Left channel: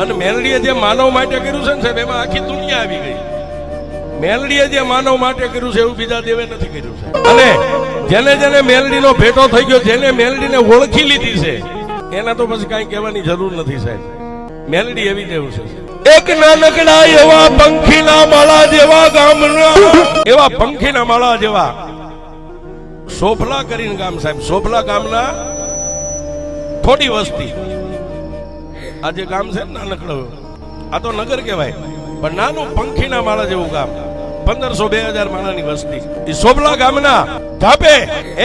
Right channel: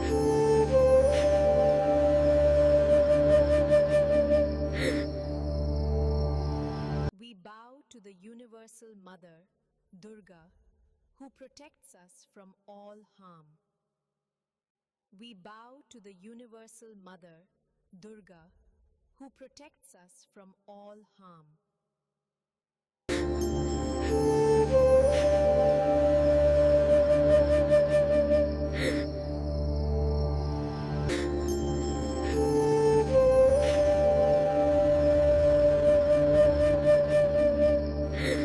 અને મેલડીએ જે માનવ માટે કર્યું છે ને સાહેબ, એમાં આખી દુનિયા આવી ગઈ. મેલડીએ જે માનવ માટે કર્યું છે એવું બીજા દેવે નથી કર્યું છે. અને જેને જેને મેલડીનો ભેટો થઈ ગયો, જેને મેલડીને ઓળખી લીધી છે, એના તો પછી કઈ કહેવાની જરૂર નથી સાહેબ. મેલડી એવી દેવ છે. એક નાનકડા એવા પંખીના માળા જેવા ગામના, એવા પંખીના માળા જેવા સોફલા કરીને ગામ સાહેબ. સોફલા ગામના થોડી વસ્તી. આ જે ગામ છે ને નાનકડો, આ તો નગર કહેવાય, પણ નાનું પંખીના માળા જેવું ગામ. 1500-2000 માળાની વસ્તી. એ સોફલા ગામના ધાપે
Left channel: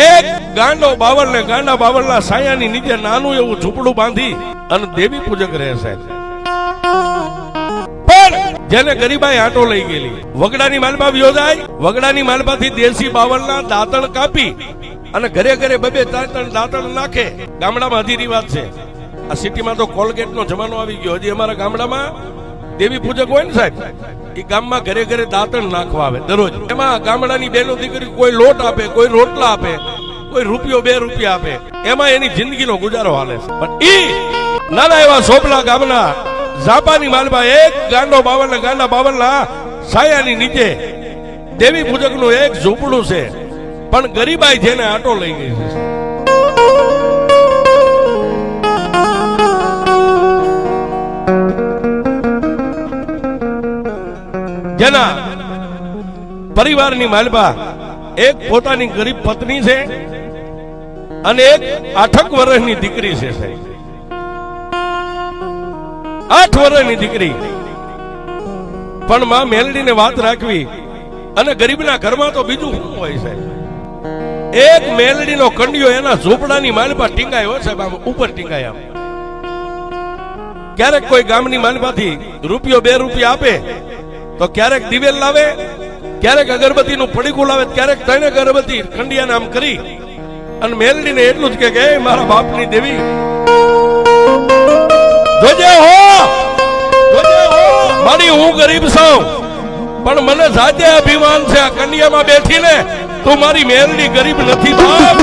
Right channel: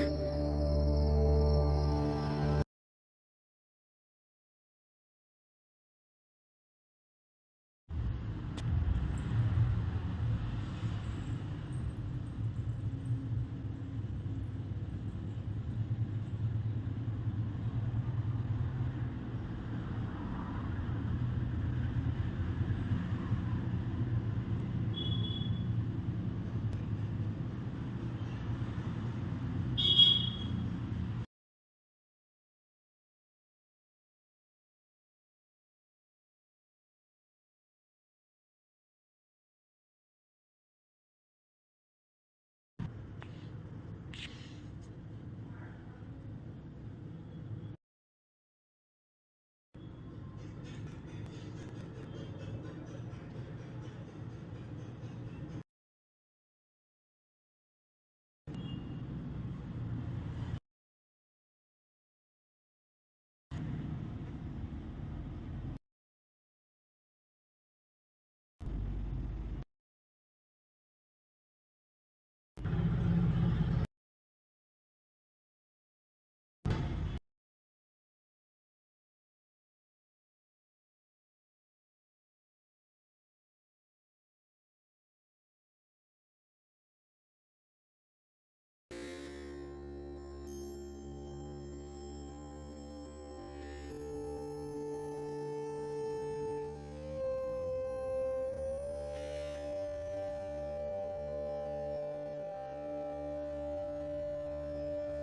એક ગાંડો બાવળ ને ગાંડા બાવળના સાયાની નીચે નાનું એવું ઝૂંપડું બાંધી અને દેવી પૂજક રહે સાહેબ. જેને ગરીબાઈ આટો લઈ ગયેલી, વગડાની માલપા યોજાય, વગડાની માલપાથી દેશી બાવળના દાંતણ કાપી અને ઘરે ઘરે 2-3 દાંતણ નાખે. ગામડામાં હજી રિવાજ છે. આ સિટીમાં તો કોલગેટનો જમાનો આવી ગયો. હજી અમારા ગામડામાં દેવી પૂજક હોય ને સાહેબ, એ ગામમાં ઘરે ઘરે દાંતણ નાખવા આવે દરરોજ. એમાં ગામડાની બેનો દીકરી કોઈ લોટ આપે, કોઈ રોટલા આપે, કોઈ ₹2 રૂપિયા આપે. એમાં એની જિંદગીનો ગુજારો હાલે છે. પણ ઈ નાના એવા સોપલા ગામના ઝાપાની માલપા એક ગાંડા બાવળના સાયાની નીચે દેવી પૂજકનું એક ઝૂંપડું છે. પણ ગરીબાઈ જેને આટો લઈ ગઈ છે. જેના પરિવારની માલપા એક પોતાની ગરીબ પત્ની છે અને એક 8 વર્ષની દીકરી છે સાહેબ. 8 વર્ષની દીકરી. પણ માં મેલડીને વાત રાખવી, અને ગરીબના ઘરમાં તો બીજું શું હોય સાહેબ. એક મેલડીનો કંડિયો એના ઝૂંપડાની માલપા ટીંગાય હોય સાહેબ, આમ ઉપર ટીંગાય. આમ ક્યારેક કોઈ ગામની માલપાથી ₹2 રૂપિયા આપે તો ક્યારેક દિવેલ લાવે, ક્યારેક અગરબત્તીનું પડીકું લાવે, ક્યારેક 3 અગરબત્તી ખંડિયાને આમ કરી અને મેલડીને એટલું જ કે મારા બાપની દેવી જોજે હો, મારી હું ગરીબ છું, પણ મને જાતે અભિમાન છે આ કન્યામાં બેઠીને તું મારી મેલડી ગરીબ નથી બાપ.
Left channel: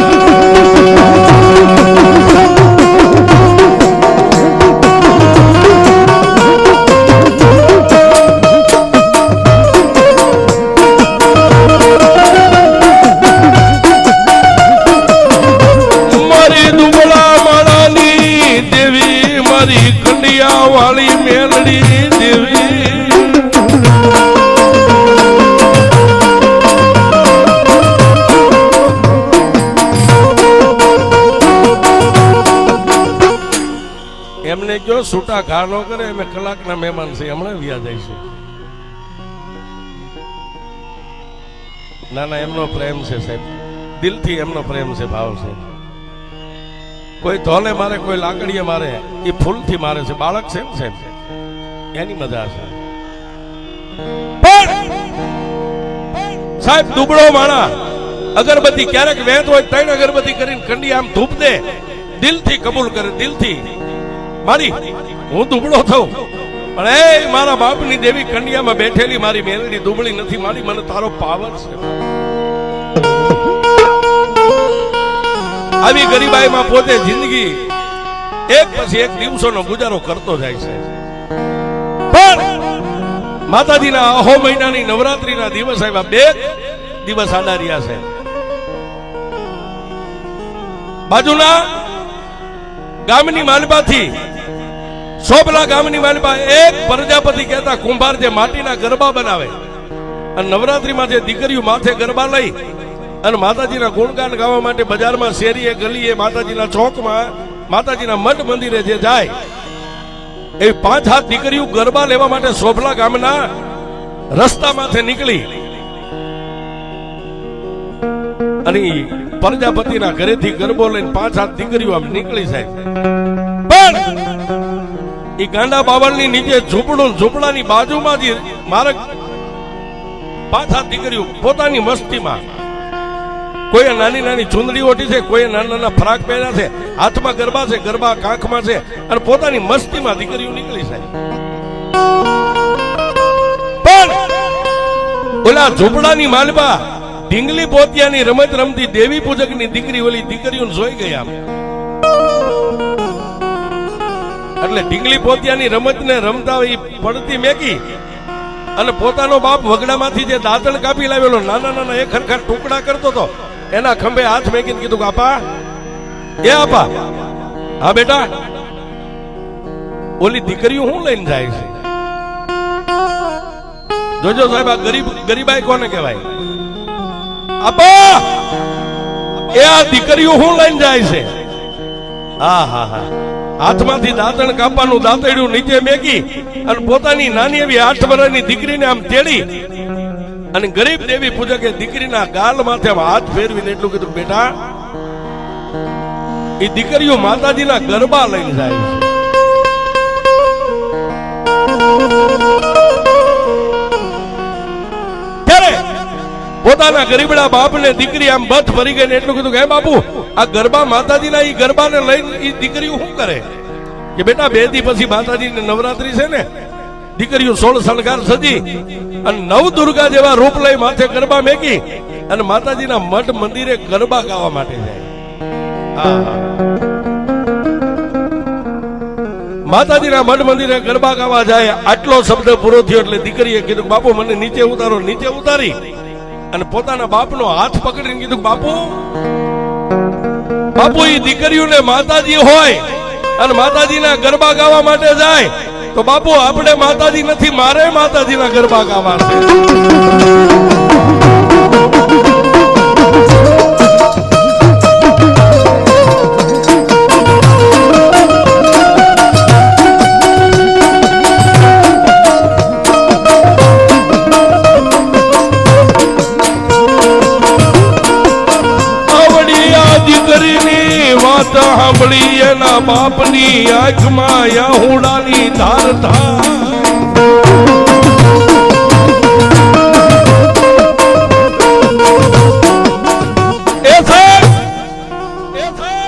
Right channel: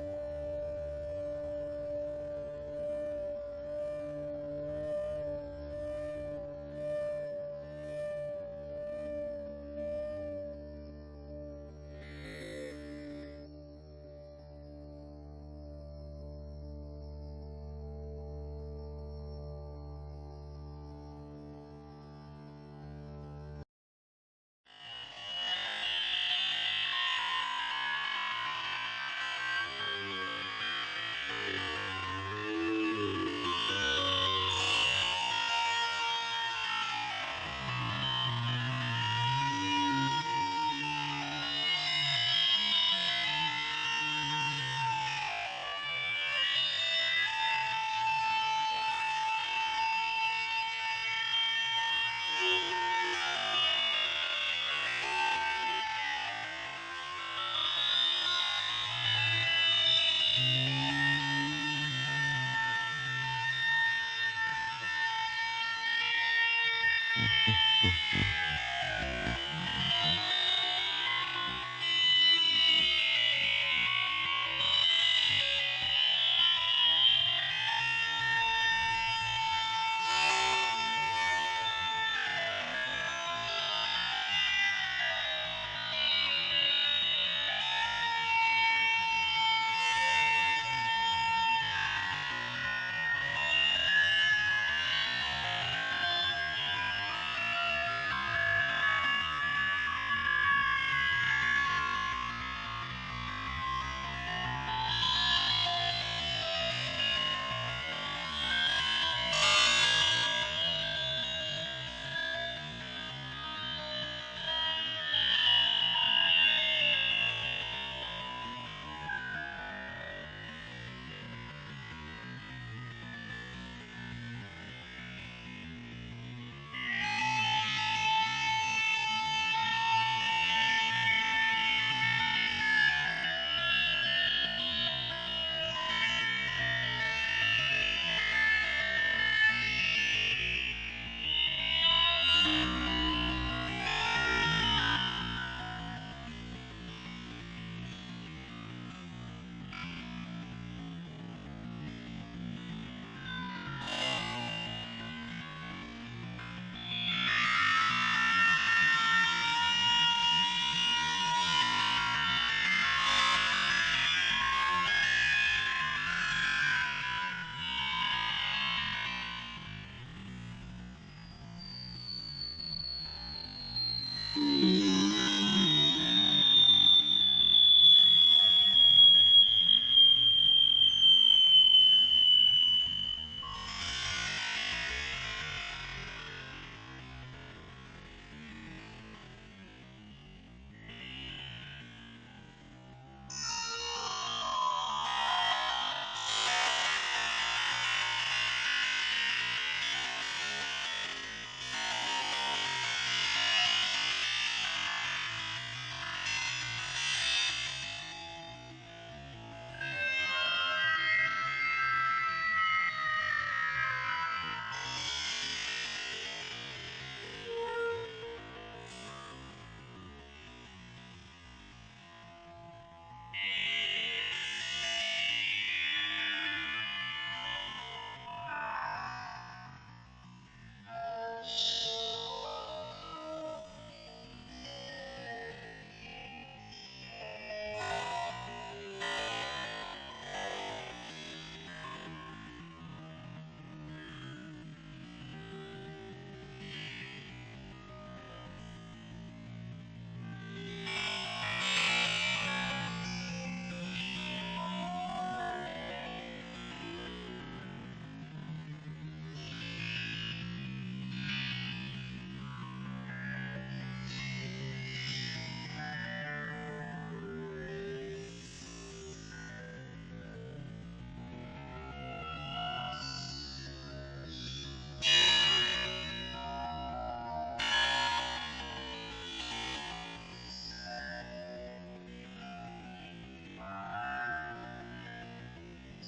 એમને જો છૂટા ઘા ન કરે, અમે કલાકના મહેમાન છે, હમણાં વ્યા જઈશું. ના ના, એમનો પ્રેમ છે સાહેબ, દિલથી એમનો પ્રેમ છે, ભાવ છે. કોઈ ધોલે મારે, કોઈ લાકડીએ મારે, એ ફૂલથી મારે છે. બાળક છે ને સાહેબ, એની મજા છે. સાહેબ દુબળો માણા અગરબત્તી ક્યારેક વેત હોય 3 અગરબત્તી કરીને કંડી આમ ધૂપ દે, દિલથી કબૂલ કરે, દિલથી. મારી હું દુબળો થઉં, પણ એ મારા બાપની દેવી કંડિયામાં બેઠેલી મારી મેલડી દુબળી નથી. મારી મને તારો પાવર છે. આવી ગરીબાઈમાં પોતે જિંદગી એક પછી એક દિવસોનો ગુજારો કરતો જાય છે. પણ માતાજીના અહો મહિનાની નવરાત્રીના દિવસ આવ્યા, 2 દિવસ આડા રહ્યા છે. બાજુના ગામની માલપાથી, સોપલા ગામની માલપા એક પ્રજાપતિ કહેતા કુંભાર જે માટીના ગરબા બનાવે અને નવરાત્રીમાં જે દીકરીઓ માથે ગરબા લઈ અને માતાજીના ગુણગાન ગાવા માટે બજારમાં, શેરીએ, ગલીએ, માતાજીના ચોકમાં, માતાજીના મઠ મંદિરે જે જાય, એવી 5 દીકરીઓ ગરબા લેવા માટે સોપલા ગામના રસ્તા માથે નીકળી અને પ્રજાપતિના ઘરેથી ગરબો લઈને 5 દીકરીઓ આમ નીકળી સાહેબ. પણ એ ગાંડા બાવળની નીચે ઝૂંપડું, ઝૂંપડાની બાજુમાં જ માર્ગ 5 દીકરીઓ પોતાની મસ્તીમાં, કોઈ નાની નાની ચુંદડી ઓઢી છે, કોઈ નાના નાના ફરાક પહેર્યા છે, હાથમાં ગરબા છે, ગરબા કાંખમાં છે, અને પોતાની મસ્તીમાં દીકરીઓ નીકળી સાહેબ. પણ ઓલા ઝૂંપડાની માલપા ઢીંગલી પોતિયાની રમત રમતી દેવી પૂજકની દીકરી ઓલી દીકરીઓને જોઈ ગયા. એટલે ઢીંગલી પોતિયાની રમતને રમતા હોય ઈ પડતી મેકી અને પોતાનો બાપ વગડામાંથી જે દાંતણ કાપી લાવેલો નાના નાના એક હરખા ટુકડા કરતો હતો એના ખંભે હાથ મેકીને કીધું કે આપા એ આપા હા બેટા ઓલી દીકરીઓ હું લઈને જાય છે જોજો સાહેબ આ ગરીબાઈ કોને કહેવાય આપા એ આ દીકરીઓ હું લઈને જાય છે હા હા હા હાથમાંથી દાંતણ કાપવાનું દાંતડ્યું નીચે મેકી અને પોતાની નાની એવી 8 વર્ષની દીકરીને આમ તેડી અને ગરીબ દેવી પૂજકે દીકરીના ગાલ માથે હાથ ફેરવીને એટલું કીધું બેટા એ દીકરીઓ માતાજીના ગરબા લઈને જાય છે ત્યારે પોતાના ગરીબડા બાપને દીકરી આમ બથ ભરી ગઈ ને એટલું કીધું કે હે બાપુ આ ગરબા માતાજીના ઈ ગરબાને લઈને ઈ દીકરીઓ શું કરે કે બેટા 2 દી પછી માતાજીની નવરાત્રી છે ને દીકરીઓ 16 શણગાર સજી અને નવ દુર્ગા જેવા રૂપ લઈ માથે ગરબા મેકી અને માતાજીના મઠ મંદિરે ગરબા ગાવા માટે જાય માતાજીના મઠ મંદિરે ગરબા ગાવા જાય આટલો શબ્દ પૂરો થયો એટલે દીકરીએ કીધું બાપુ મને નીચે ઉતારો નીચે ઉતારી અને પોતાના બાપનો હાથ પકડીને કીધું બાપુ એ દીકરીઓને માતાજી હોય અને માતાજીના ગરબા ગાવા માટે જાય તો બાપુ આપણે માતાજી નથી મારે માતાજીના ગરબા ગાવા છે સાંભળી એના બાપની આંખમાં યાહુડાની ધાર થાય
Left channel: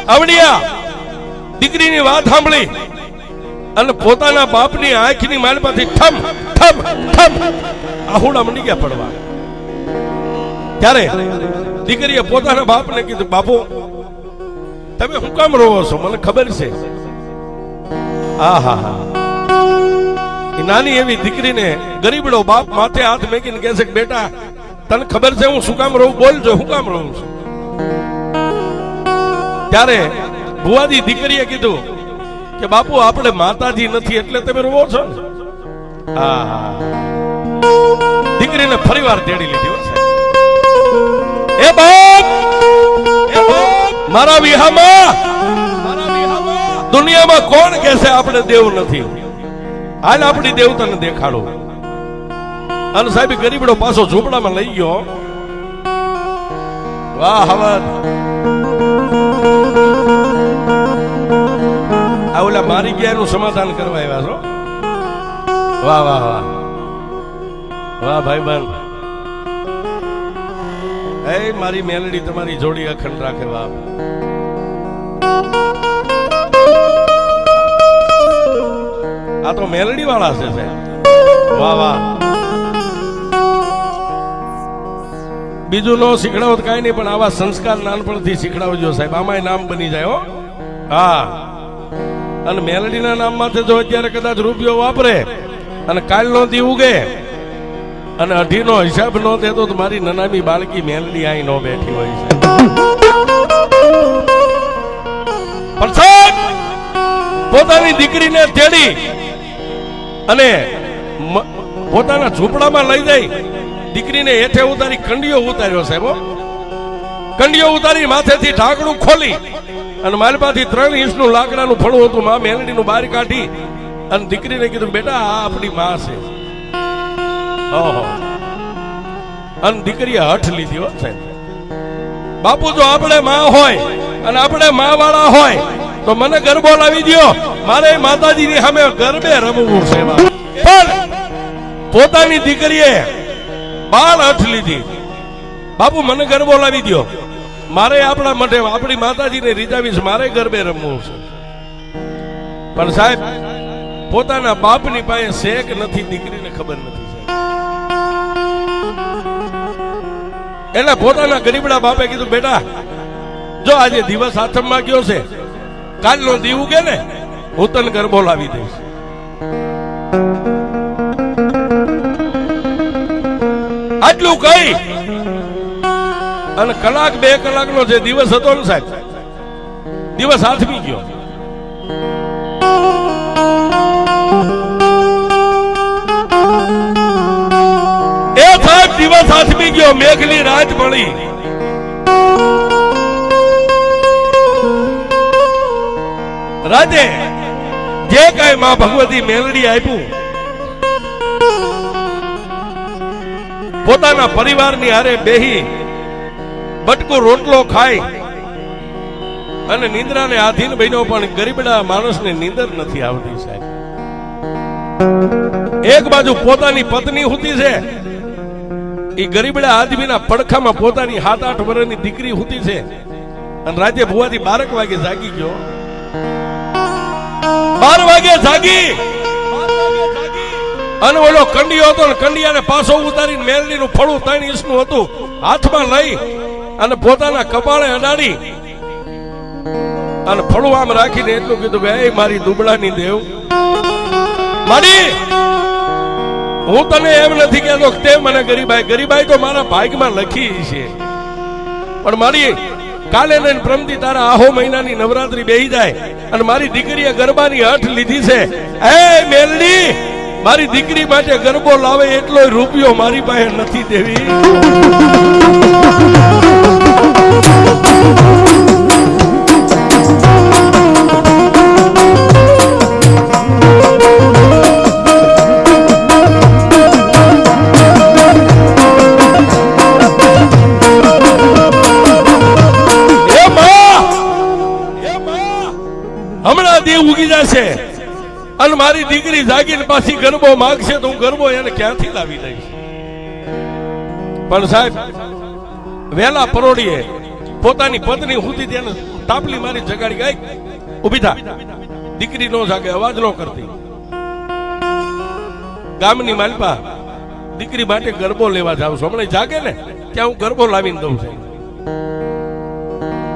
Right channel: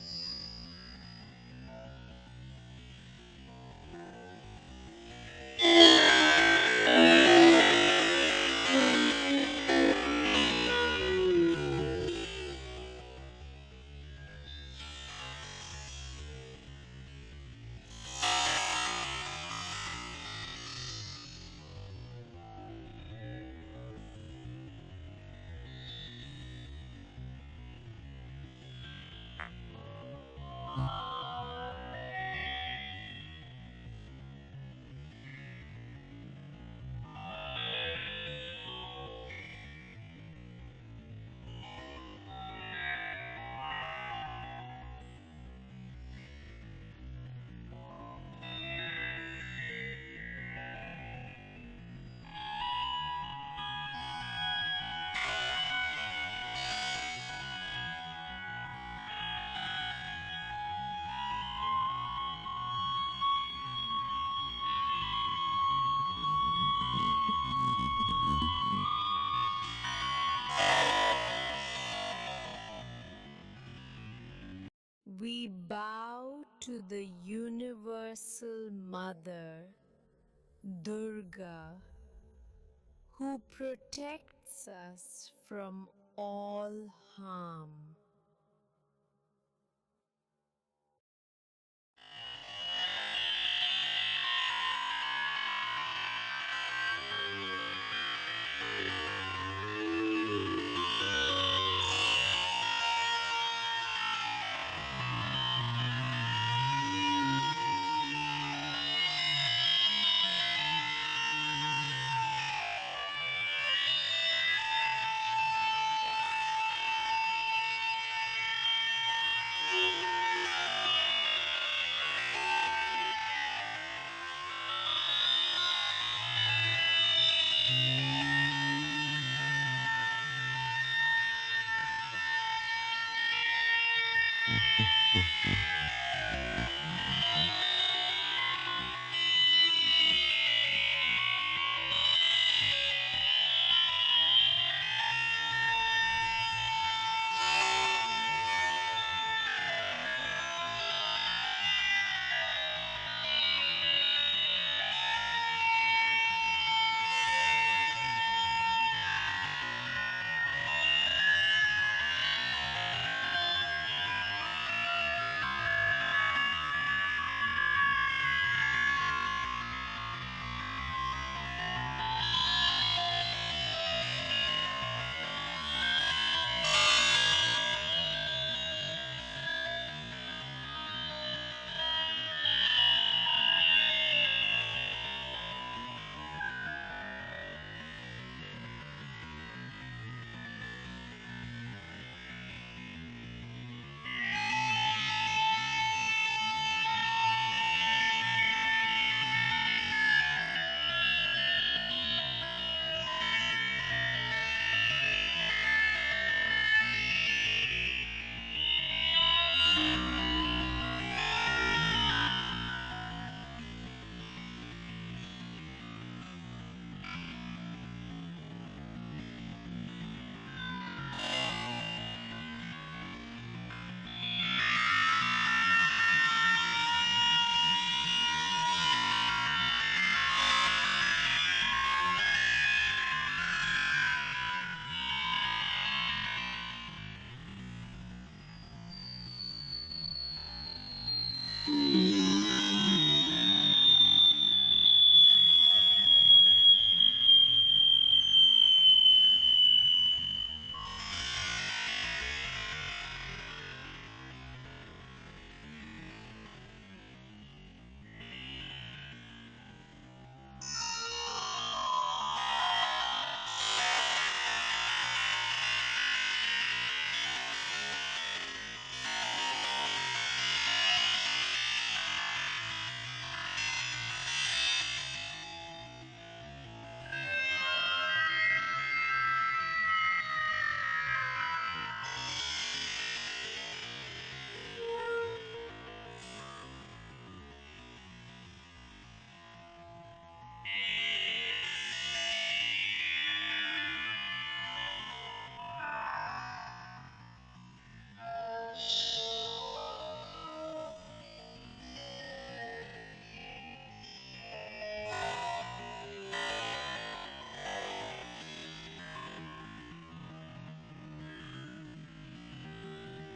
આવડિયા દીકરીની વાત સાંભળી અને પોતાના બાપની આંખની માલમાંથી ઠમ ઠમ ઠમ આહુડા મંડી ગયા પડવા ત્યારે દીકરીએ પોતાના બાપને કીધું બાપુ તમે હું કામ રોવો છો મને ખબર છે નાની એવી દીકરીને ગરીબડો બાપ માથે હાથ મેકીને કહે છે કે બેટા તને ખબર છે હું શું કામ રહું બોલજો હું કામ રહું છું ત્યારે ભુવાજી દીકરીએ કીધું કે બાપુ આપણે માતાજી નથી એટલે તમે રોવો છો દીકરીને ફરીવાર તેડી લીધી એ બાપ મારા વિહામાં દુનિયામાં કોણ કહેશે આપણે દેવ નથી હાલ આપણી દેવતાને દેખાડો અને સાહેબ ગરીબડો પાછો ઝૂંપડામાં લઈ ગયો વાહ હવન આ ઓલા મારી ગયા એનું સમાધાન કરવા આવ્યા છો વાહ વાહ વાહ વાહ ભાઈ બંધ એ મારી મેલડી તમારી જોડી અખંડ રાખે બાપ આ તો મેલડી વાળા છે વાહ વાહ બીજું નો શીખડાવો કઈ નહીં પણ આવા સંસ્કાર નાનપણથી શીખડાવજો સાહેબ આમાંય નામ બની જાય હો હા અને મેલડીના નામમાં જો અત્યારે કદાચ રૂપિયો વાપરે અને કાલ નો દી ઉગે અને 18 નો હિસાબ નો દેતો તો મારી નનામી બાળકી મેલડી આઈ નો બેઠી હોય છે પોતાની દીકરીને તેડી અને પોતાના ઝૂંપડામાં લઈ જઈ દીકરીને હેઠે ઉતારી કંડિયો ઉતાર્યો સાહેબ કંડિયો ઉતારી માથેથી ઢાંકણું ખોલી અને માલમાંથી 3 ઇંચનું લાકડાનું ફળું હતું માં મેલડીનું બહાર કાઢી અને દીકરીને કીધું બેટા આ આપણી માં છે અને દીકરીએ હઠ લીધી હો સાહેબ બાપુ જો આપણે માં હોય અને આપણે માં વાળા હોય તો મને ગરબો લાવી દો મારે માતાજીની સામે ગરબે રમવું છે પણ પોતાની દીકરીએ બાળ હઠ લીધી બાપુ મને ગરબો લાવી દો મારે આપણા માટે આપણી માતાજીને રીઝાવીશ મારે ગરબે રમવું છે પણ સાહેબ પોતાના બાપની પાસે શેક નથી દીકરીને ખબર નથી એટલે પોતાના ગરીબડા બાપે કીધું બેટા જો આજે દિવસ આથમમાં ગયો છે કાલનો દી ઉગે ને હું તને ગરબો લાવી દઈશ. આટલું કઈ અને કલાક 2 કલાકનો જે દિવસ હતો ને સાહેબ, દિવસ હાથમી ગયો. એ સાહેબ દિવસ હાથમી ગયો, મેઘની રાત મળી. રાતે જે કઈ માં ભગવતી મેલડી આપ્યું, પોતાના પરિવારની હારે બેહી બટકો રોટલો ખાઈ અને નિંદ્રાને આધીન બન્યો, પણ ગરીબડા માણસને નિંદર નથી આવતી સાહેબ. એક બાજુ પોતાની પત્ની હુતી છે, એ ગરીબડા આદમીના પડખામાં પોતાની 7-8 વર્ષની દીકરી હુતી છે, અને રાતે ભુવાથી 12 વાગે જાગી ગયો. 12 વાગે જાગી અને ઓલો કંડિયો હતો ને કંડિયાને પાછો ઉતારીને મેલડીનું ફળું 3 ઇંચનું હતું હાથમાં લઈ અને પોતાના કપાળે અડાડી અને ફળું આમ રાખીને એટલું કીધું કે એ મારી દુબળાની દેવ, મારી હું તને એમ નથી કહેતો કે તે મને ગરીબાઈ, ગરીબાઈ તો મારા ભાગમાં લખી છે, પણ મારી કાલે ને પ્રમદી તારા આહો મહિનાની નવરાત્રી બેહી જાય અને મારી દીકરીએ ગરબાની હઠ લીધી છે. એ મેલડી, મારી દીકરી માટે ગરબો લાવે એટલો રૂપિયો મારી પાસે નથી દેવી. હમણાં દેવ ઉગી જશે અને મારી દીકરી જાગીને પાછી ગરબો માંગશે તો હું ગરબો એને ક્યાંથી લાવી દઈશ. પણ સાહેબ વેલા પરોડીએ પોતાની પત્ની હુતી તેને તાપલી મારી જગાડી ગઈ, ઉભી થા, દીકરી નો જાગે, અવાજ નો કરતી. ગામની માલપા દીકરી માટે ગરબો લેવા જાવ છું, હમણાં જાગે ને ત્યાં હું ગરબો લાવીને દઉં છું.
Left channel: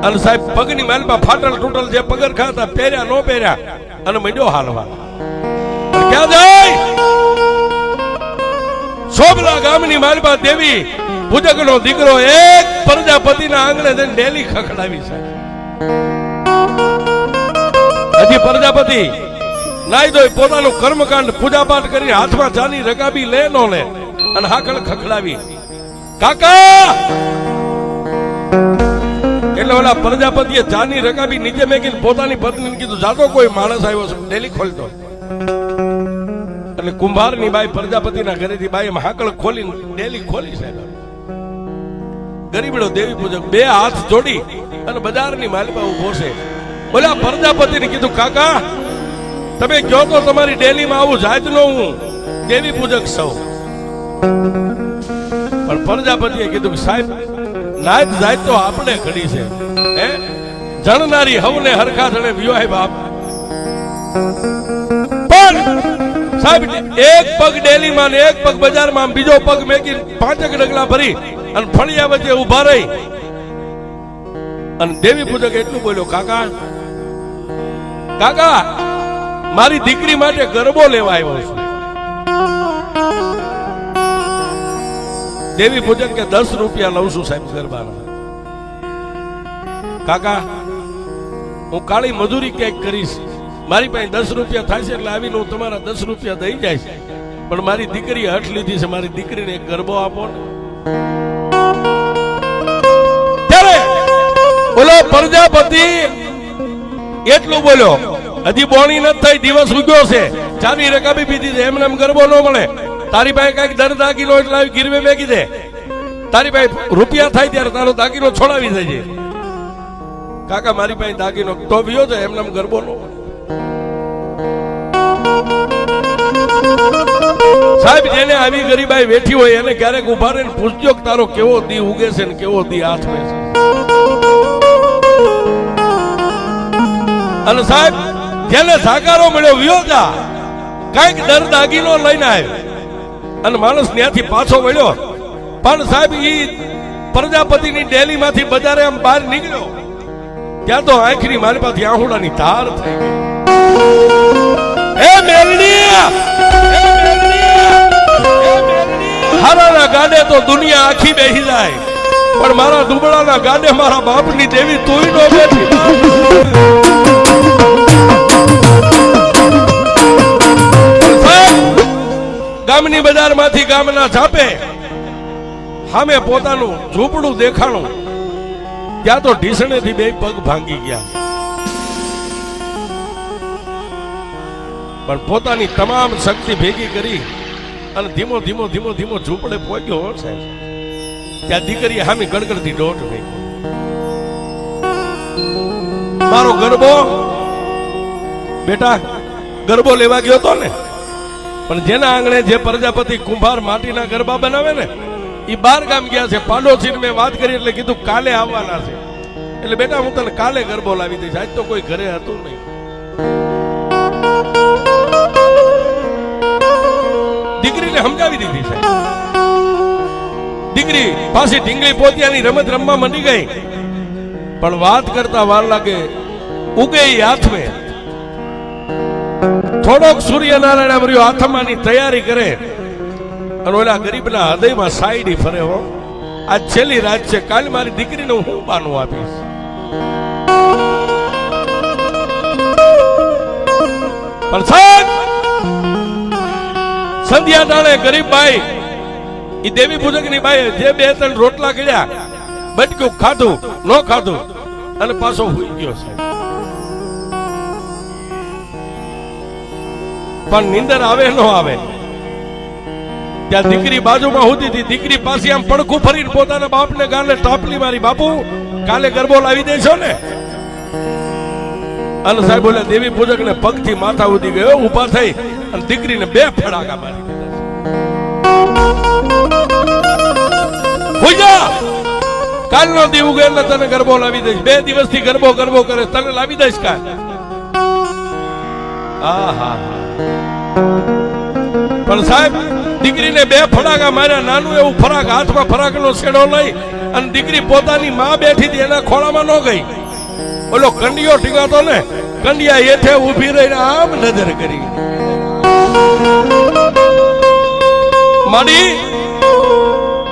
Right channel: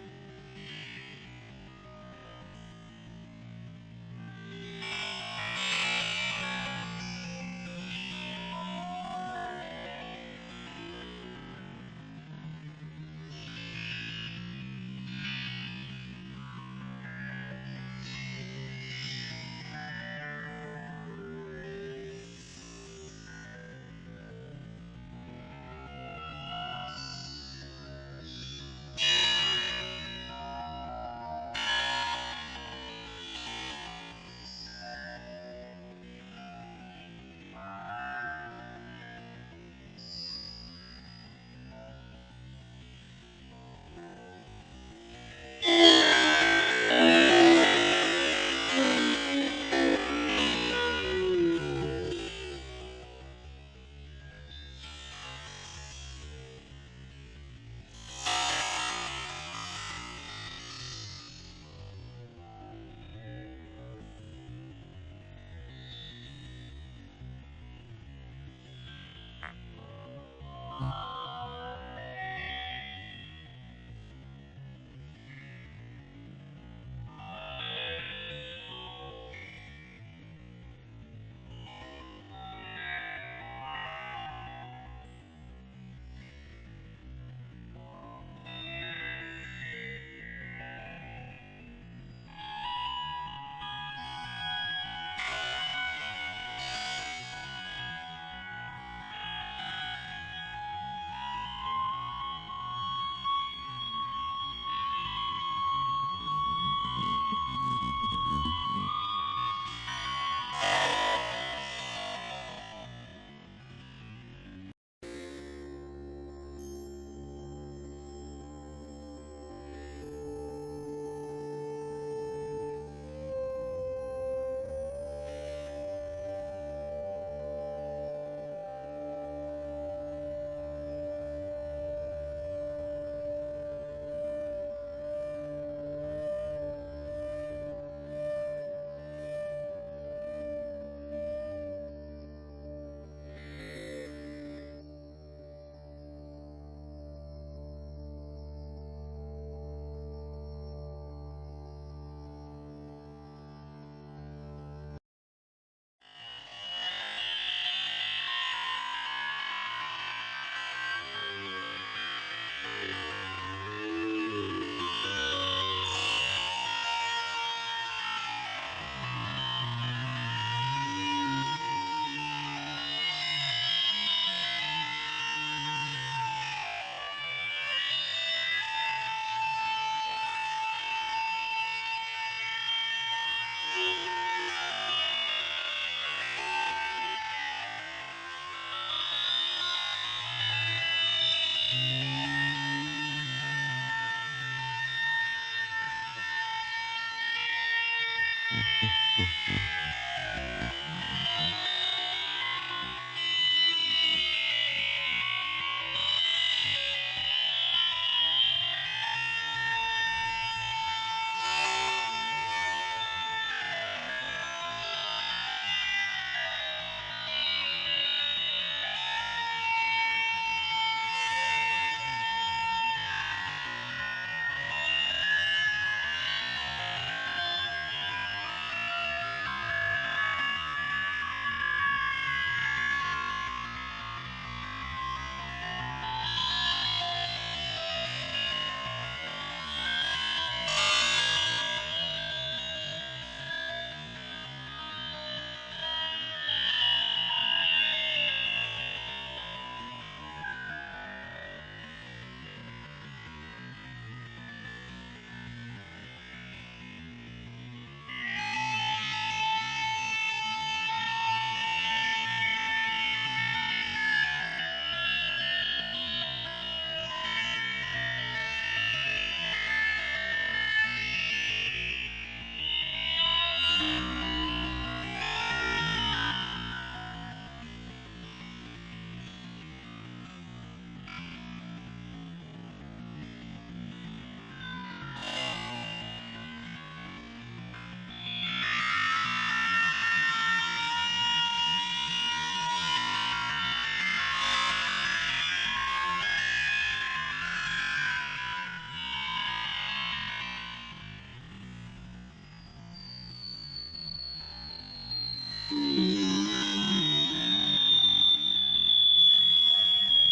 અને સાહેબ પગની માલપા ફાટલ તૂટલ જે પગરખા હતા પહેર્યા નો પહેર્યા અને મંડ્યો હાલવા. ક્યાં જાય? સોબલા ગામની માલપા દેવી પૂજકનો દીકરો એક પ્રજાપતિના આંગણે જઈને ડેલી ખખડાવી છે. હજી પ્રજાપતિ નાઈ ધોઈ પોતાનું કર્મકાંડ પૂજાપાઠ કરી હાથમાં ચાની રકાબી લે નો લે અને હાકળ ખખડાવી, કાકા. એટલે ઓલા પ્રજાપતિએ ચાની રકાબી નીચે મેકીને પોતાની પત્નીને કીધું, જાતો કોઈ માણસ આવ્યો છે, ડેલી ખોલતો. એટલે કુંભારની બાઈ પ્રજાપતિના ઘરેથી બાઈ હાકળ ખોલીને ડેલી ખોલી સાહેબ. ગરીબડો દેવી પૂજક 2 હાથ જોડી અને બજારની માલમાં ઉભો છે. ઓલા પ્રજાપતિને કીધું, કાકા તમે કહો તો તમારી ડેલીમાં આવું જાતનો હું દેવી પૂજક સૌ. પણ પ્રજાપતિએ કીધું કે સાહેબ નાયત જાત તો આપણે ઘડી છે, હે જણનારી હવને હરખા જણે વિવાહ બાપ. પણ સાહેબ એક પગ ડેલીમાં ને એક પગ બજારમાં, બીજો પગ મેકી 5 ડગલા ભરી અને ફળિયા વચ્ચે ઉભા રહી અને દેવી પૂજક એટલું બોલ્યો, કાકા કાકા મારી દીકરી માટે ગરબો લેવા આવ્યો છું. દેવી પૂજક કે 10 રૂપિયા લઉં છું સાહેબ ગરબાના. કાકા હું કાળી મજૂરી ક્યાંક કરીશ, મારી પાસે 10 રૂપિયા થાય છે એટલે આવીને હું તમારા 10 રૂપિયા દઈ જાય, પણ મારી દીકરી હઠ લીધી છે, મારી દીકરીને એક ગરબો આપો ને. ત્યારે બોલો પ્રજાપતિ એટલું બોલ્યો, હજી બોણી નથી થઈ, દિવસ ઉગ્યો છે, ચાની રકાબી પીધી છે, એમને એમ ગરબો ન મળે. તારી પાસે કઈક દર દાગીનો એટલે ગીરવે મેકી દે, તારી પાસે રૂપિયા થાય ત્યારે તારો દાગીનો છોડાવી દેજે. કાકા મારી પાસે દાગીનો તો વિયો છે, એમને એમ ગરબો નો. સાહેબ જેને આવી ગરીબાઈ બેઠી હોય એને ક્યારેક ઉભા રહીને પૂછજો કે તારો કેવો દી ઉગે છે ને કેવો દી હાથમે છે. અને સાહેબ જેને સાકારો મળ્યો વિયો જા, કઈક દર દાગીનો લઈને આવ્યો અને માણસ ત્યાંથી પાછો વળ્યો. પણ સાહેબ ઈ પ્રજાપતિની ડેલી માંથી બજારે આમ બહાર નીકળ્યો ત્યાં તો આંખની મારી પાસે આહુડાની ધાર થઈ ગઈ. એ મેલડી હારાના ગાડે તો દુનિયા આખી બેહી જાય, પણ મારા દુબળાના ગાડે મારા બાપની દેવી તુંય નો બેઠી. ગામની બજારમાંથી ગામના છાપે સામે પોતાનું ઝૂંપડું દેખાણું, ત્યાં તો ઢીસણેથી બે પગ ભાંગી ગયા. પણ પોતાની તમામ શક્તિ ભેગી કરી અને ધીમો ધીમો ધીમો ધીમો ઝૂંપડે પહોંચ્યો છે. ત્યાં દીકરી હામી ગડગડતી દોટ થઈ. મારો ગરબો બેટા ગરબો લેવા ગયો તો ને, પણ જેના આંગણે જે પ્રજાપતિ કુંભાર માટીના ગરબા બનાવે ને એ 12 ગામ ગયા છે. પાડોશીને મેં વાત કરી એટલે કીધું કાલે આવવાના છે. એટલે બેટા હું તને કાલે ગરબો લાવી દઈશ, આજ તો કોઈ ઘરે હતું નહીં. દીકરીને સમજાવી દીધી છે. દીકરી પાછી ઢીંગલી પોતિયાની રમત રમવા માંડી ગઈ. પણ વાત કરતા વાર લાગે, ઉગે હાથમે થોડોક સૂર્યનારાયણ વર્યો હાથમાંની તૈયારી કરે અને ઓલા ગરીબના હૃદયમાં સાઈડી ફરે. હો આ છેલ્લી રાત છે, કાલ મારી દીકરીને હું બાનું આપીશ. પણ સાહેબ સંધ્યા ટાણે ગરીબ બાઈ ઈ દેવી પૂજકની બાઈ જે 2-3 રોટલા કર્યા, બટક્યું ખાધું ન ખાધું અને પાછો હુઈ ગયો છે. પણ નીંદર આવે ન આવે ત્યાં દીકરી બાજુમાં હોતી હતી. દીકરી પાસે આમ પડખું ફરીને પોતાના બાપને ગાલે ટાપલી મારી, બાપુ કાલે ગરબો લાવી દેશો ને? અને સાહેબ બોલે દેવી પૂજક ને પગથી માથા ઉડી ગયો, ઉભા થઈ અને દીકરીને 2 ફડાકા મારી દીધા. કાલનો દી ઉગે એટલે તને ગરબો લાવી દઈશ. 2 દિવસથી ગરબો ગરબો કરે, તને લાવી દઈશ કાલ. પણ સાહેબ દીકરીને 2 ફડાકા માર્યા. નાનું એવું ફરાક હાથમાં ફરાકનો છેડો લઈ અને દીકરી પોતાની માં બેઠી હતી એના ખોળામાં ન ગઈ. ઓલો કંડિયો ટીકાતો ને, કંડિયા હેઠે ઊભી રહીને આમ નજર કરી. મારી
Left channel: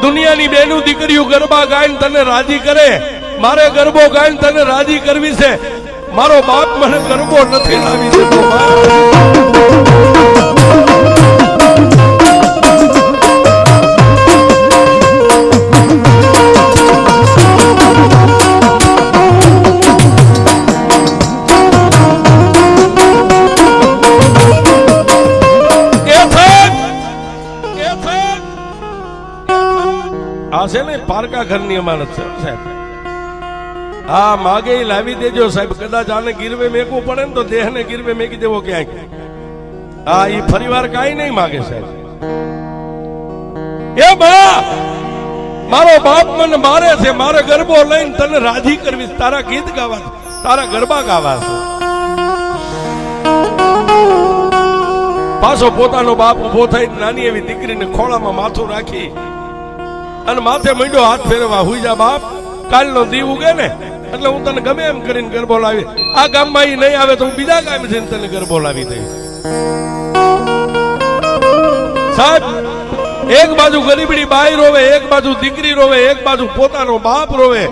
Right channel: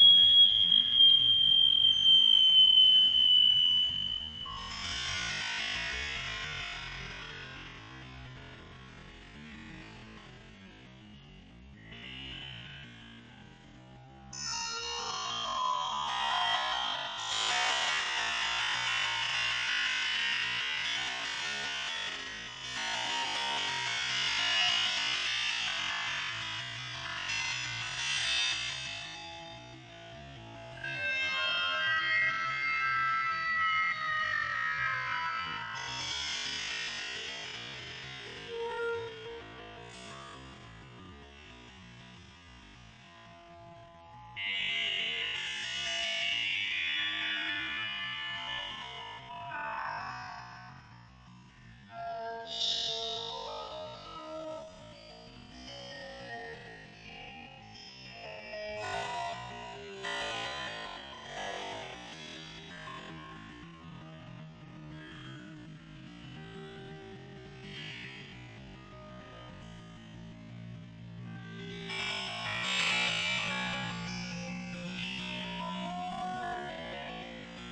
દુનિયાની બેનું દીકરીઓ ગરબા ગાઈને તને રાજી કરે, મારે ગરબો ગાઈને તને રાજી કરવી છે. મારો બાપ મને ગરબો નથી લાવી દેતો. છે ને પારકા ઘરની અમારત છે સાહેબ. હા માગે લાવી દેજો સાહેબ. કદાચ આને ગીરવે મેકવું પડે ને તો દેહને ગીરવે મેકી દેવો ક્યાંક. હા ઈ ફરીવાર કાઈ નહીં માગે સાહેબ. એ બા મારો બાપ મને મારે છે, મારે ગરબો લઈને તને રાજી કરવી, તારા ગીત ગાવા, તારા ગરબા ગાવા છે. પાછો પોતાનો બાપ ઉભો થઈ નાની એવી દીકરીને ખોળામાં માથું રાખી અને માથે મંડ્યો હાથ ફેરવા. હુઈ જા બાપ, કાલનો દી ઉગે ને એટલે હું તને ગમે એમ કરીને ગરબો લાવી. આ ગામમાં ઈ નહીં આવે તો હું બીજા ગામ જઈને તને ગરબો લાવી દઈશ. સાહેબ એક બાજુ ગરીબડી બાઈ રોવે, એક બાજુ દીકરી રોવે, એક બાજુ પોતાનો બાપ રોવે.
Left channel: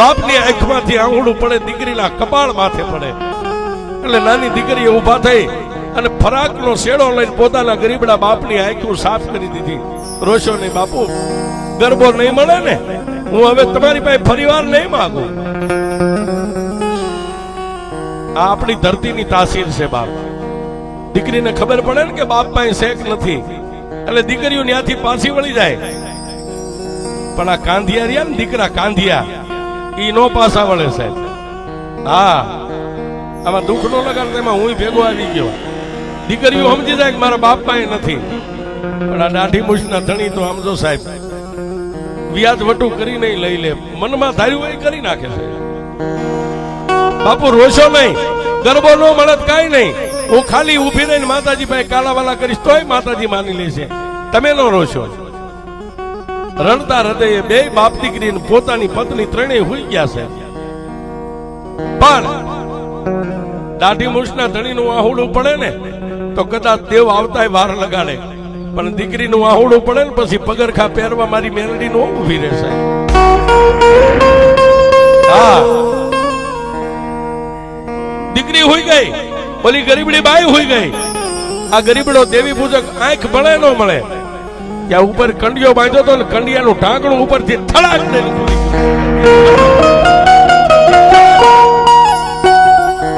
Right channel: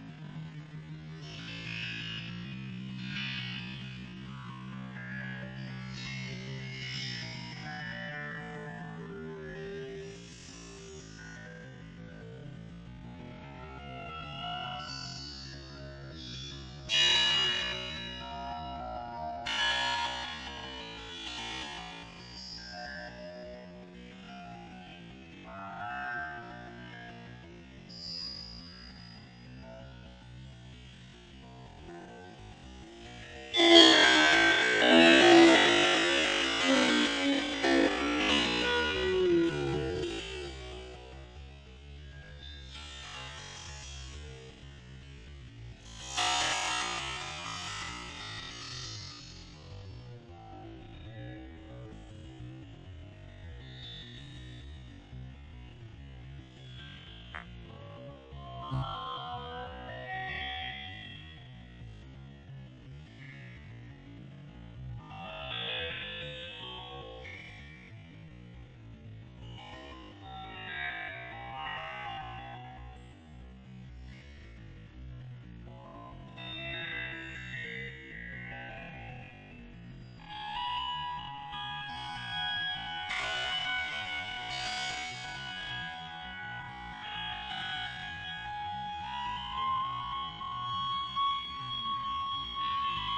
બાપની આંખમાંથી આંગળું પડે, દીકરીના કપાળ માથે પડે. એટલે નાની દીકરીએ ઊભા થઈ અને ફરાકનો શેડો લઈને પોતાના ગરીબડા બાપની આંખો સાફ કરી દીધી. રોશો નહીં બાપુ, ગરબો નહીં મળે ને, હું હવે તમારી પાસે ફરીવાર નહીં માંગુ. આ આપણી ધરતીની તાસીર છે બાપ. દીકરીને ખબર પડે ને કે બાપ પાસે શેક નથી એટલે દીકરીઓ ત્યાંથી પાછી વળી જાય. પણ આ કાંધિયા રહ્યા ને દીકરા કાંધિયા, ઈ નો પાછા વળે સાહેબ. હા આમાં દુઃખ નો લગાડ, એમાં હું ભેગો આવી ગયો. દીકરીઓ સમજી જાય કે મારા બાપ પાસે નથી. પણ આ દાઢી મૂછના ધણી તો આમ જો સાહેબ વ્યાજ વટું કરી નહીં લઈ લે, મનમાં ધાર્યું હોય કરી નાખે છે. બાપુ રોશો નહીં, ગરબો નો મળત કાઈ નહીં. હું ખાલી ઉભી રહીને માતાજી પાસે કાલાવાલા કરીશ તોય માતાજી માની લેશે. તમે નો રોશો. રડતા હૃદયે 2 બાપ દીકરી પોતાની પત્ની ત્રણેય હુઈ ગયા છે. પણ દાઢી મૂછના ધણીનું આહુડું પડે ને તો કદાચ દેવ આવતા વાર લગાડે, પણ દીકરીનું આહુડું પડે ને પછી પગરખા પહેરવા મારી મેલડી નો ઊભી રહેશે. હા, દીકરી હોઈ ગઈ, ઓલી ગરીબડી બાઈ હોઈ ગઈ. આ ગરીબડો દેવી પૂજક આંખ મળે ન મળે ત્યાં ઉપર કંડિયો બાંધ્યો તો ને કંડિયાનું ઢાંકણું ઉપરથી થડાક દે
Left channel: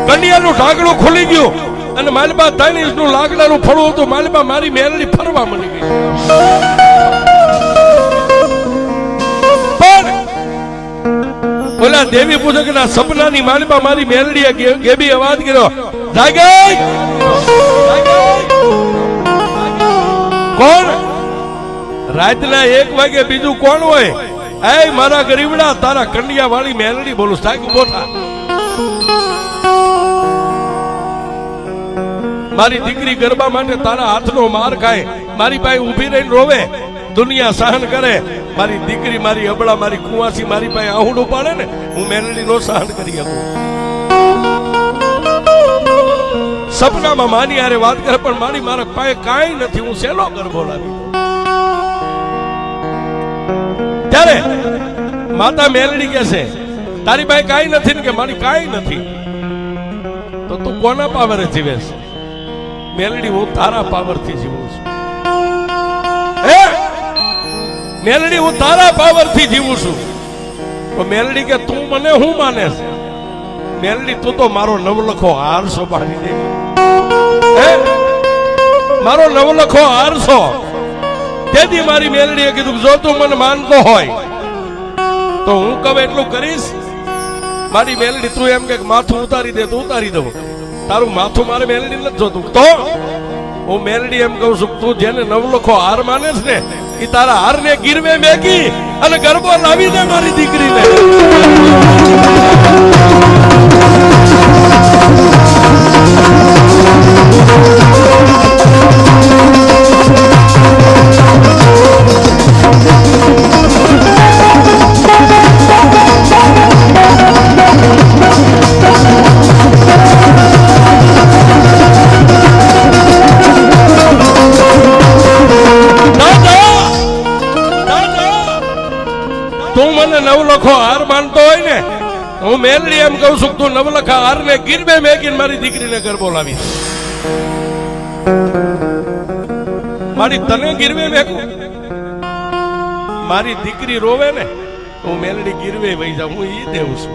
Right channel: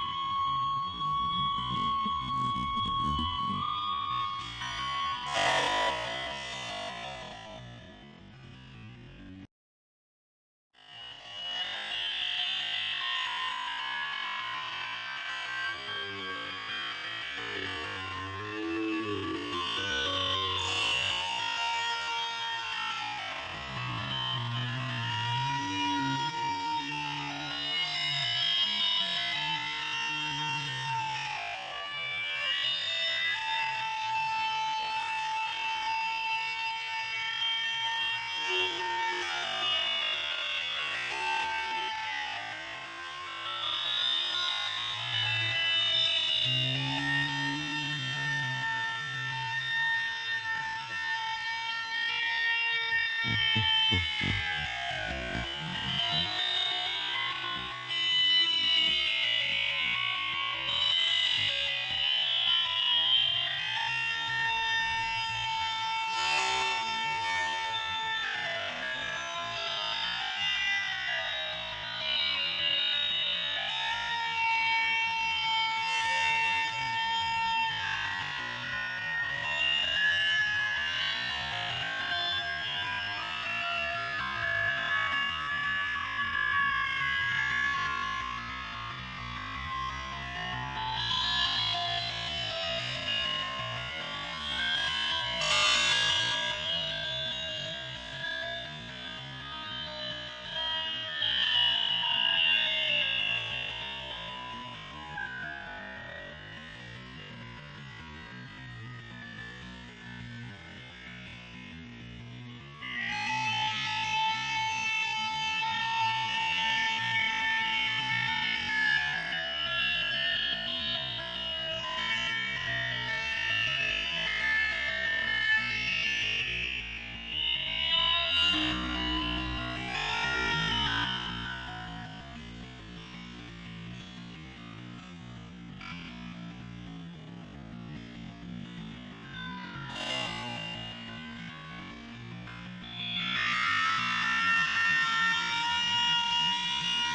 કંડિયાનું ઢાંકણું ખુલી ગયું અને માલબા નું લાકડાનું ફળું હતું. માલબા મારી મેલડી ફરવા મળી ગઈ. પણ ઓલા દેવી પૂજક ના સપનાની માલબા મારી મેલડીએ ગેબી અવાજ કર્યો, જાગી. કોણ? રાતના 1 વાગે બીજું કોણ હોય? એ મારા ગરીબડા, તારા કંડિયા વાળી મેલડી બોલું. સાહેબ બોઠા, મારી દીકરી ગરબા માટે તારા હાથનો માર ખાય, મારી પાસે ઊભી રહીને રોવે, દુનિયા સહન કરે. મારી દીકરી, મારી અબળા, મારી કુવાસી મારી પાસે આહુડું પાડે ને, હું મેલડી નો સહન કરી શકું. સપનામાં માની હારે વાત કરે, પણ મારી મારા પાસે કાંઈ નથી, હું શેનો ગરબો લાવી. ત્યારે માતા મેલડી કહે છે, તારી પાસે કાંઈ નથી ને? કે મારી કાંઈ નથી. તો તું કોના પાવરે જીવે છે? મેલડી, હું તારા પાવરથી જીવું છું. મેલડી, હું તારા પાવરથી જીવું છું. તો મેલડી કે તું મને હું માને છે? મેલડી, તું તો મારો નવલખો હાર છો. મારો નવલખો હાર છો. તેથી મારી મેલડીએ કીધું, જો તું મને માનતો હોય તો હું કહું એટલું કરીશ. મારી મેલડી, તું એમ કે માથું ઉતારી દે તો ઉતારી દઉં. તારું માથું મારે મેલડી નથી જોતું. તો હું મેલડી એમ કહું છું, તું જેને નવલખો હાર માને છે ને, એ તારા હાર ને ગીરવે મેકી અને ગરબો લાવી દે મારી દીકરીને. નવલખો હાર માનતો હોય ને, હું મેલડી એમ કહું છું, તું નવલખા હાર ને ગીરવે મેકીને મારી દીકરીને ગરબો લાવી. મારી તને ગીરવે મેકું? મારી દીકરી રોવે ને, હું મેલડી ગીરવે વહી જાઉં. હું ઈ દેવું છું.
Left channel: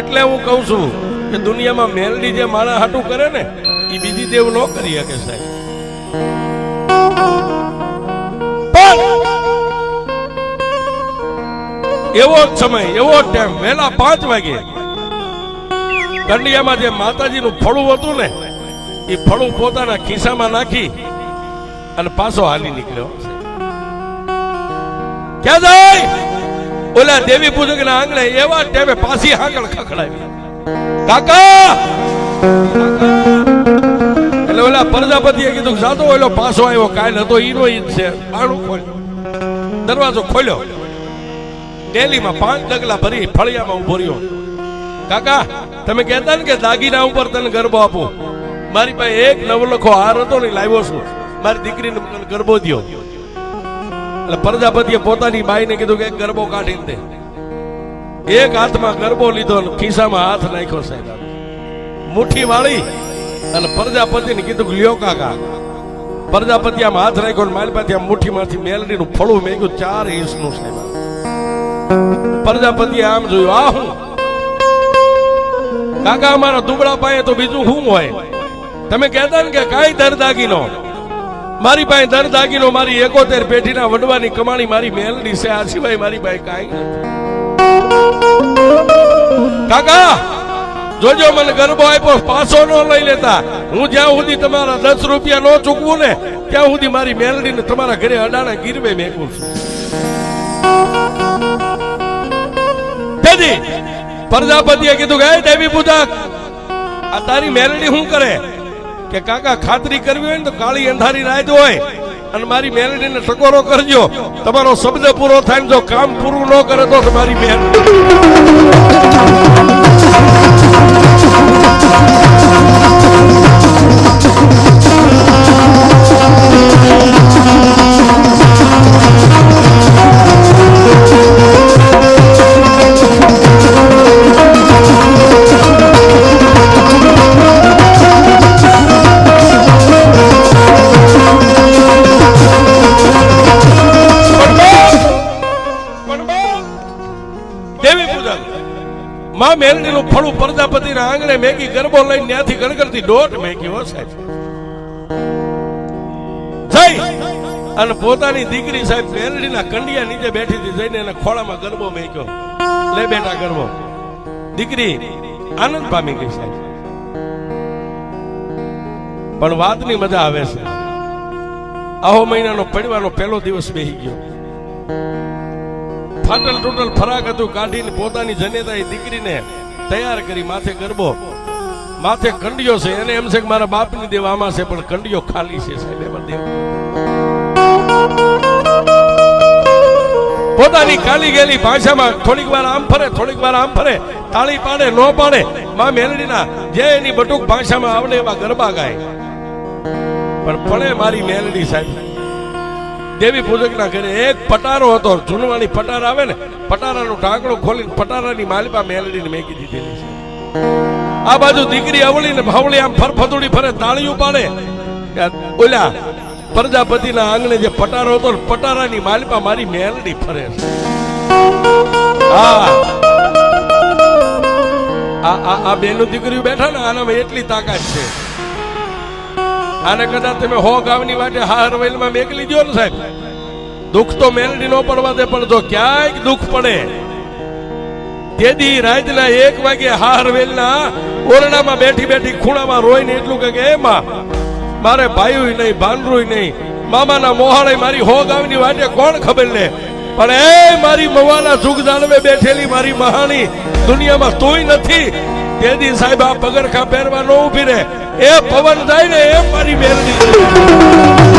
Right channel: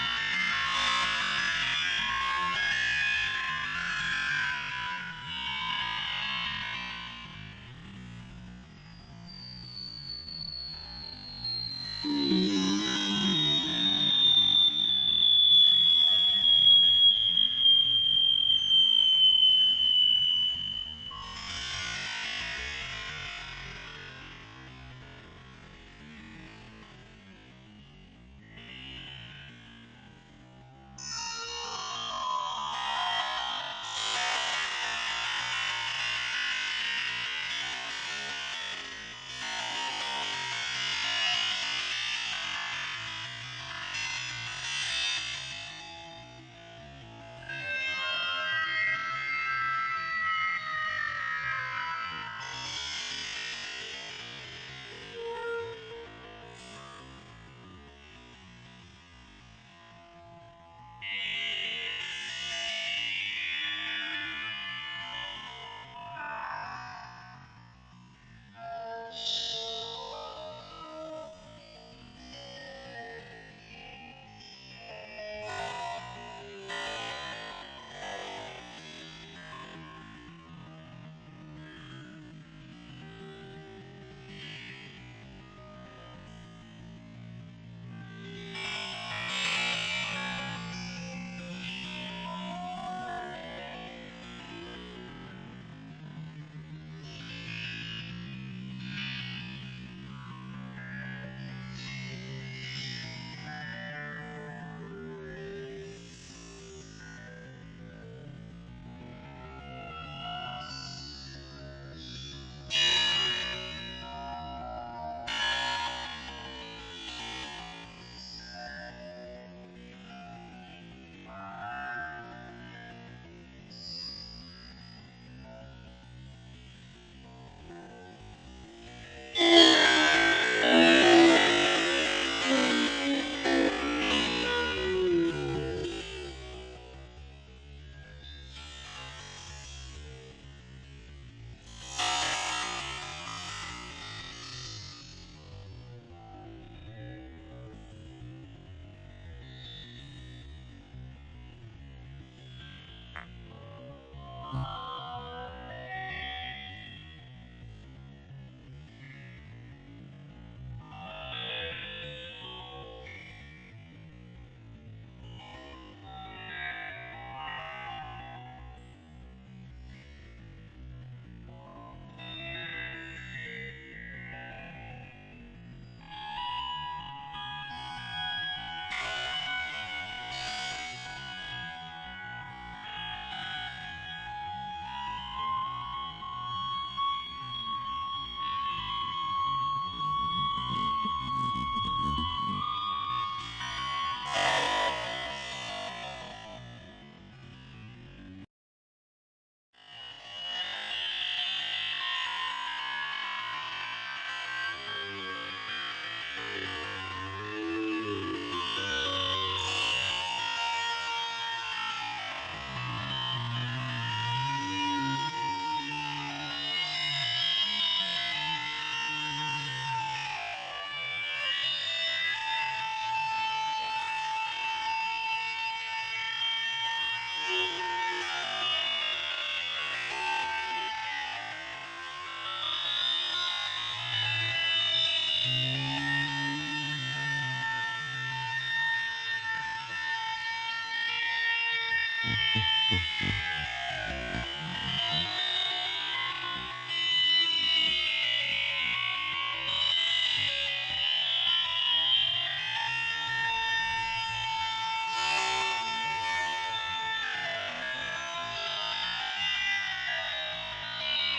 એટલે હું કહું છું કે દુનિયામાં મેલડી જે મારા હાટું કરે ને, એ બીજી દેવ ન કરી શકે સાહેબ. એવો જ સમય, એવો જ ટાઈમ, વહેલા 5 વાગે કંડિયામાં જે માતાજીનું ફળું હતું ને, એ ફળું પોતાના ખિસ્સામાં નાખી અને પાછો હાલી નીકળ્યો. ક્યાં જાય? ઓલા દેવી પૂજક ના આંગણે એવા ટાઈમે પાછી હાકળ ખખડાવી, કાકા. એટલે ઓલા પ્રજાપતિએ કીધું, જાતો ઓલો પાછો આવ્યો, કાલ હતો ઈનો ઈ છે. બાણું ખોલ્યો, દરવાજો ખોલ્યો. ડેલીમાં 5 ડગલા ભરી ફળિયામાં ઉભો રહ્યો. કાકા, તમે કહેતા ને કે દાગીના ઉપર તને ગરબો આપો, મારી પાસે એક નવલખો હાર હતો ને, લાવ્યો છું, મારી દીકરીને ગરબો દ્યો. એટલે પ્રજાપતિએ પોતાની બાઈને કીધું કે એક ગરબો કાઢી દે. એક હાથમાં ગરબો લીધો અને ખિસ્સામાં હાથ નાખ્યો સાહેબ, મુઠ્ઠી વાળી અને પ્રજાપતિને કીધું કે લ્યો કાકા. પ્રજાપતિ આમ હાથ નાખ્યો ને મારી પાસે મુઠ્ઠીમાંથી મેલડીનું ફળું મેગ્યું 4 ઇંચનું સાહેબ. પ્રજાપતિએ આમ જોયું, આ હું? કાકા, અમારા દુબળા પાસે તો બીજું શું હોય? તમે કહેતા ને કે કાંઈ દરદાગીનો, મારી પાસે દરદાગીનો મારી 71 પેઢીના વડવાની કમાણી મારી મેલડી છે. આ સિવાય મારી પાસે કાંઈ નથી. કાકા, જોજો મને ગરબો આપ્યો, પાછો ન લઈ લેતા. હું જ્યાં સુધી તમારા 10 રૂપિયા ન ચૂકવું ને, ત્યાં સુધી મારી મેલડીને તમારા ઘરે અડાણા ગીરવે મેકું છું. પ્રજાપતિએ કીધું કે દેવી પૂજક, આ તારી મેલડી શું કરે? કે કાકા, ખાતરી કરવી હોય ને તો કાળી અંધારી રાત હોય અને મારી મેલડીને ટકોરો કરજો. તમારો શબ્દ પૂરો થાય, જો કામ પૂરું ન કરે તો તમારી મેલડી ભેગી ગરબો લઈને ત્યાંથી ગણગણતી દોઢ મેકી હો સાહેબ જઈ અને પોતાની દીકરી સાહેબ મેલડીના કંડિયા નીચે બેઠી હતી જઈને એને ખોળામાં ગરબો મેક્યો લે બેટા ગરબો દીકરી આનંદ પામી ગઈ સાહેબ પણ વાતની મજા આવે છે આહો મહિનાનો પડવાનો પહેલો દિવસ બેહી ગયો ફાટલ ટોટલ ફરાક હતું કાઢીને પોતાની જનેતાએ દીકરીને તૈયાર કરી માથે ગરબો માથે કંડિયો છે એને એમ છે કે મારા બાપની દેવ આમાં છે પણ કંડિયો ખાલી છે સાહેબ એમાં દેવ પોતાની કાલી ગયેલી ભાષામાં થોડીક વાર આમ ફરે થોડીક વાર આમ ફરે તાળી પાડે નો પાડે માં મેલડીના જે એની બટુક ભાષામાં આવડે એવા ગરબા ગાય પણ મારી મેલડી સાહેબ દેવી પૂજકના ઘરે એક પટારો હતો જૂનવાણી પટાર આવે ને પટારાનું ઢાંકણું ખોલીને પટારાની માલિપા મેલડીને મેકી દીધેલી આ બાજુ દીકરી અવળી ને ભાવળી આમ ફરફદુડી ફરે તાળીઓ પાડે ઓલા પ્રજાપતિના આંગણે જે પટારો હતો પટારાની માલિપા મારી મેલડી ફરે આ બેનું દીકરીઓ બેઠા ને આનામાં એટલી તાકાત છે આને કદાચ તમે હો ગામની માટે હાર વેલમાં મેકલી દો ને સાહેબ દુઃખ તો મેલડી નો પડવા દે પણ જો ક્યાંક દુઃખ પડે તેદી રાતના 1 વાગે હાર વેલના ઓરડામાં બેઠી બેઠી ખૂણામાં રોઈને એટલું કે એમાં મારે ભાઈઓ નહીં ભાનરું નહીં મામાના મોહાળે મારી હો ગામની વાટે કોણ ખબર લે પણ એ મારી મવાના જુગ જાણવે બેઠેલી મારી મહાણી દુનિયામાં તોય નથી તેદી સાહેબ આ પગરખા પહેરવા નો ઉભી રહે એ પવન જાય ને એ મારી મેલડી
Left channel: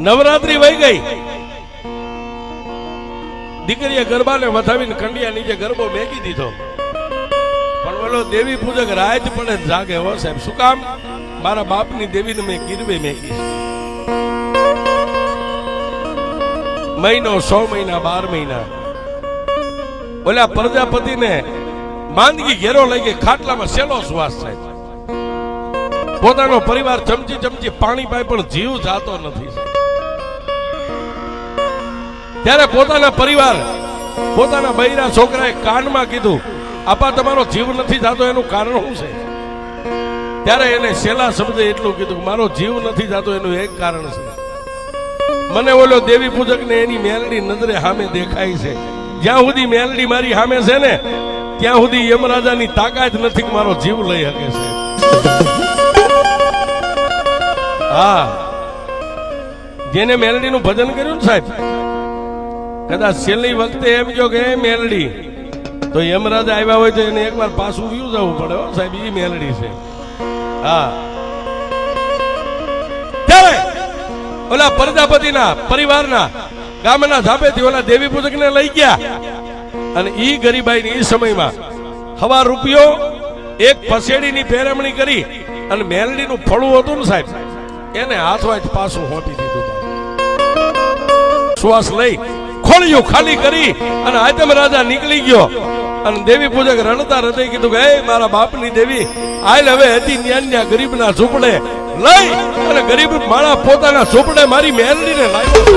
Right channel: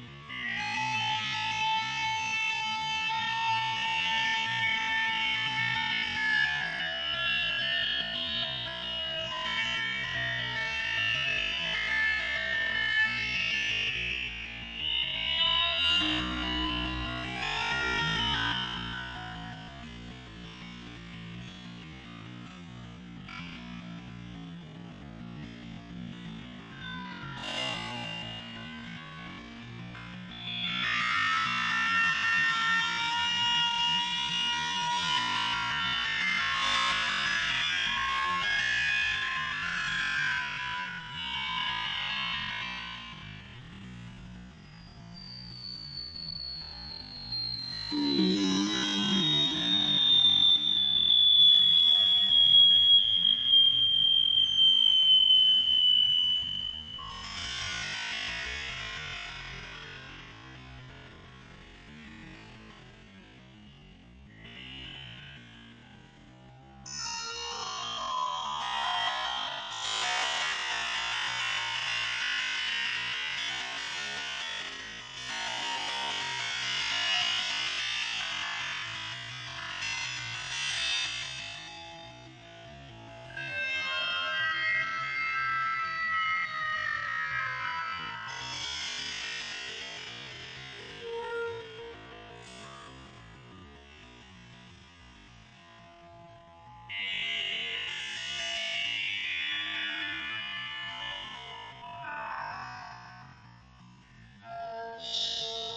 નવરાત્રી વહી ગઈ દીકરીએ ગરબાને વધાવીને કંડિયા નીચે ગરબો મેકી દીધો પણ બોલો દેવી પૂજક રાત પડે જાગે હો સાહેબ શું કામ મારા બાપની દેવીને મેં ગીરવે મેકી મહિનો 100 મહિના 12 મહિના ઓલા પ્રજાપતિને માંદગી ઘેરો લઈ ગઈ ખાટલામાં સેલો શ્વાસ થાય પોતાનો પરિવાર ચમચી ચમચી પાણી પાય પણ જીવ જાતો નથી ત્યારે પોતાના પરિવાર પોતાના બૈરા છોકરાએ કાનમાં કીધું આપા તમારો જીવ નથી જાતો એનું કારણ શું છે ત્યારે એને છેલ્લા શબ્દે એટલું કીધું મારો જીવ નથી જાતો એનું એક કારણ છે મને ઓલો દેવી પૂજક ને એની મેલડી નજરે સામે દેખાય છે જ્યાં સુધી મેલડી મારી સામે છે ને ત્યાં સુધી યમરાજાની તાકાત નથી કે મારો જીવ લઈ શકે છે હા જેને મેલડીનું ભજન કર્યું ને સાહેબ કદાચ છેલ્લી વખતે એમ કહો કે મેલડી તો યમરાજા આવ્યા હોય તો એને એકવાર પાછું વ્યૂ જવું પડે સાહેબ એ મેલડી છે હા ત્યારે ઓલા પ્રજાપતિના પરિવારના ગામના ધાબેથી ઓલા દેવી પૂજકને લઈ ગયા અને ઈ ગરીબાઈની ઈ સમયમાં હવા રૂપિયો એક પસેડીની પેરમણી કરી અને મેલડીનું ફળું હતું ને સાહેબ એને હાથવાજ પાછું હોટી દીધું શ્વાસ લઈ ખોળિયું ખાલી કરી અને આતમ રાજા નીકળી ગયો અને દેવી પૂજક રણતા હૃદય કીધું કે મારા બાપની દેવી આલ હવે હતી ન્યા ગરીબના ઝૂંપડે લઈ અને ગરીબ માણા પોતાના ઝૂંપડે મારી મેલડીને લાવ્યો